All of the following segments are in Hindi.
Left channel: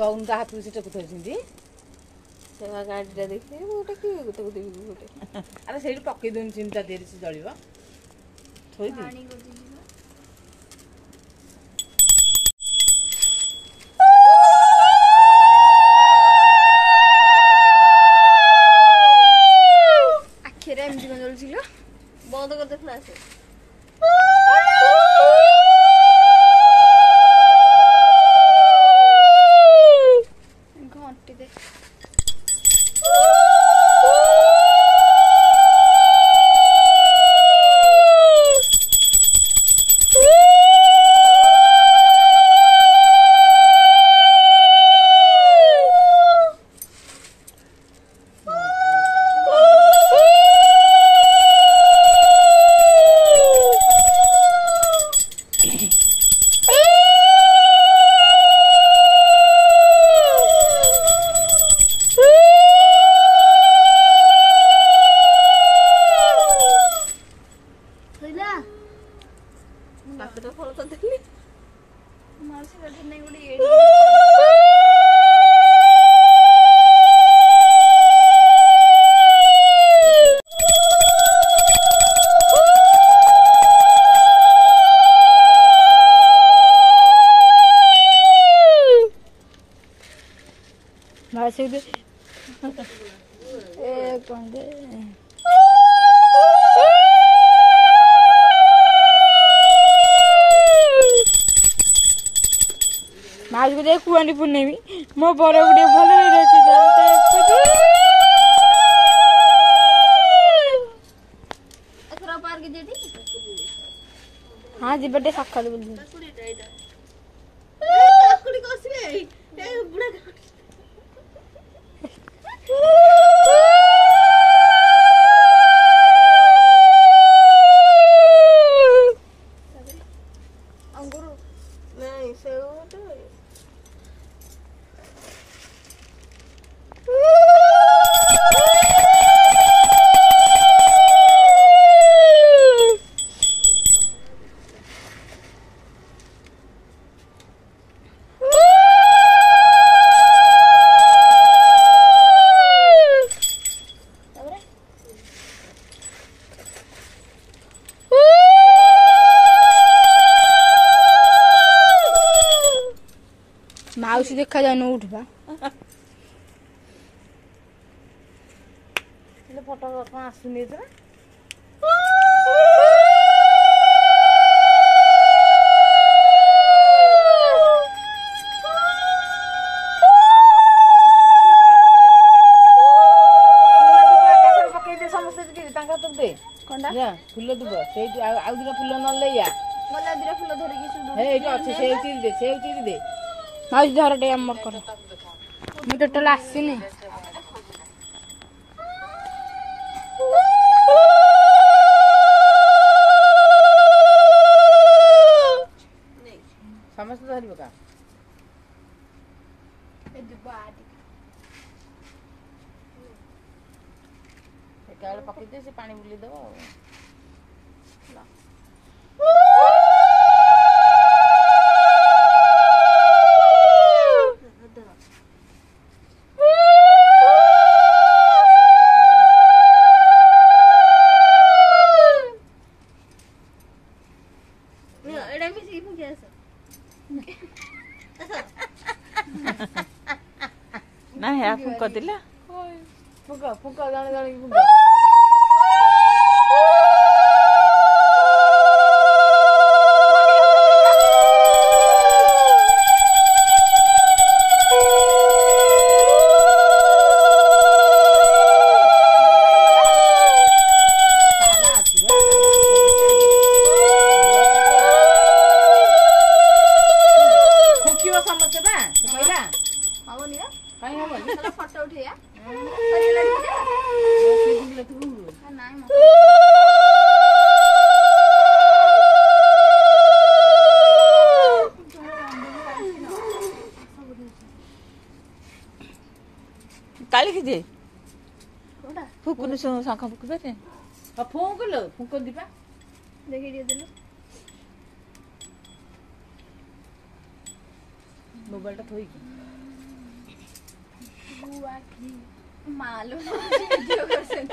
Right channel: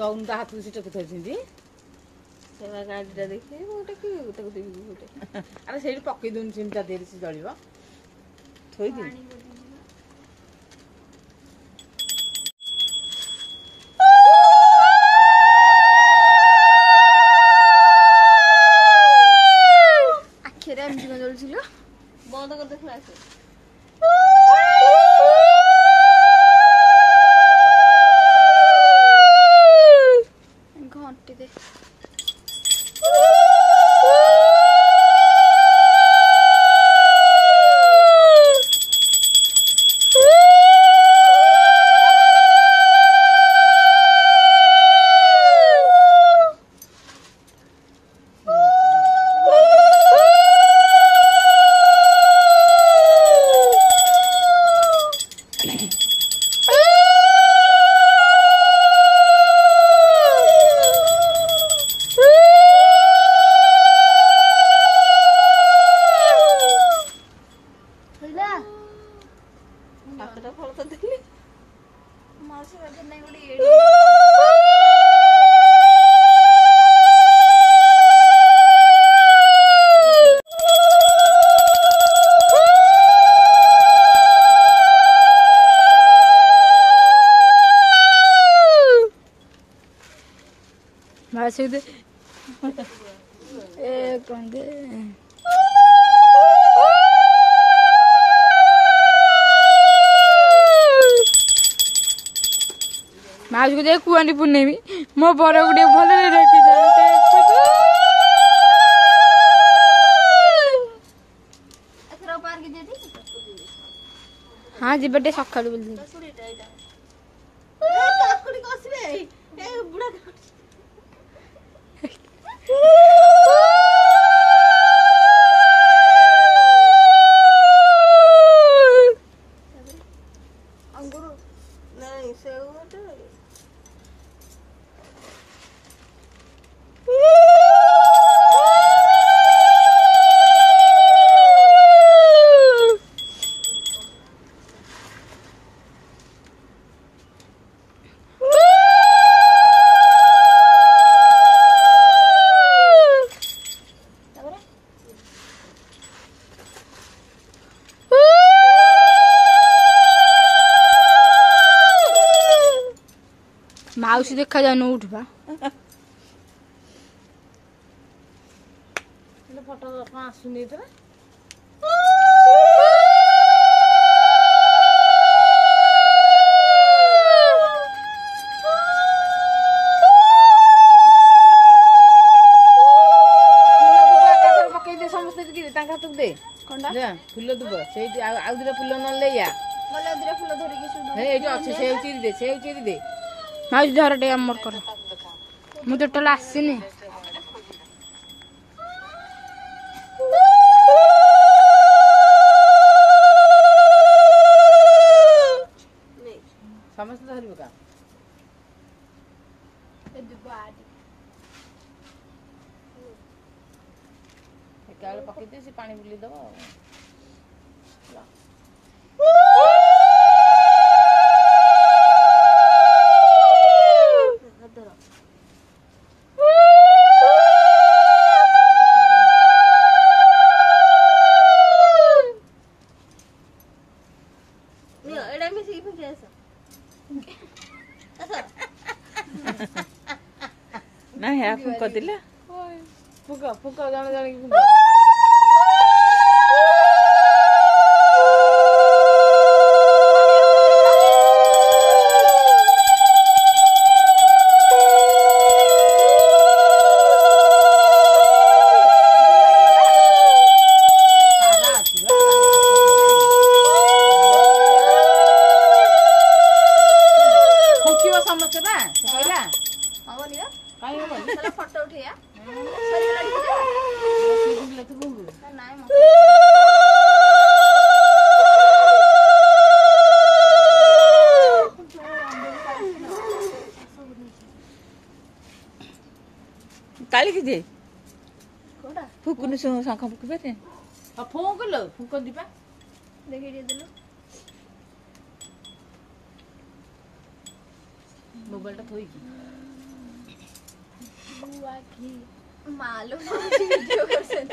दौन का हाथ से टेक थी गाड़ीटा देखिए गोटे कि गोटे देवी गोटे अरे से पकई दून चिमटा दे जल थोड़ी आखिरे एमती कौन चलुल बंद कर देखला से घंटी दे भाषे दे माज को देख कुआनी पुनेमी मो बड़ गुटे भल रखी हाँ जीवटे सका माउसी देखा जाए उठवा फोटो आसुनी तो फुल दुब से फुल ना फुल धरिकी माउस धर टे अमर कर मु तो टोला आसीनी समस्त धरिबो का ए दुबा आदि एकाले पकई दे से पानी बुली दबो ना है फुक दिला फुक फुक जाने जाने की फुक फोटो उठिया ताली की जे कोडा फुकुनु शंखा फुकु बेते फुक लो फुक दिबा देखि दे देलो मोबाइल टा थोई बुआ की मालूम वीडियो करछन्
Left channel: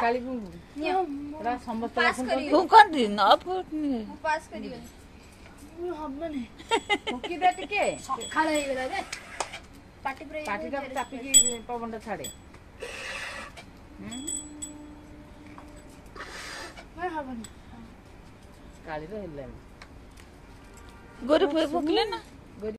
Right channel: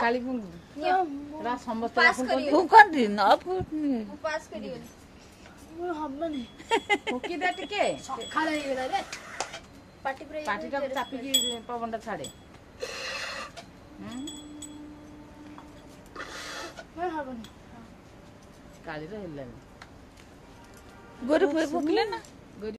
काली समस्त फुकन्दी न फुक्ने पास करियो हब्बने फुकिदा टिके खाला हेरा रे पाटी पुरै पाटीटा चापिकी पवनटा छाडे हब्बने काली र हेल्लानी गोरु फुक्ले ना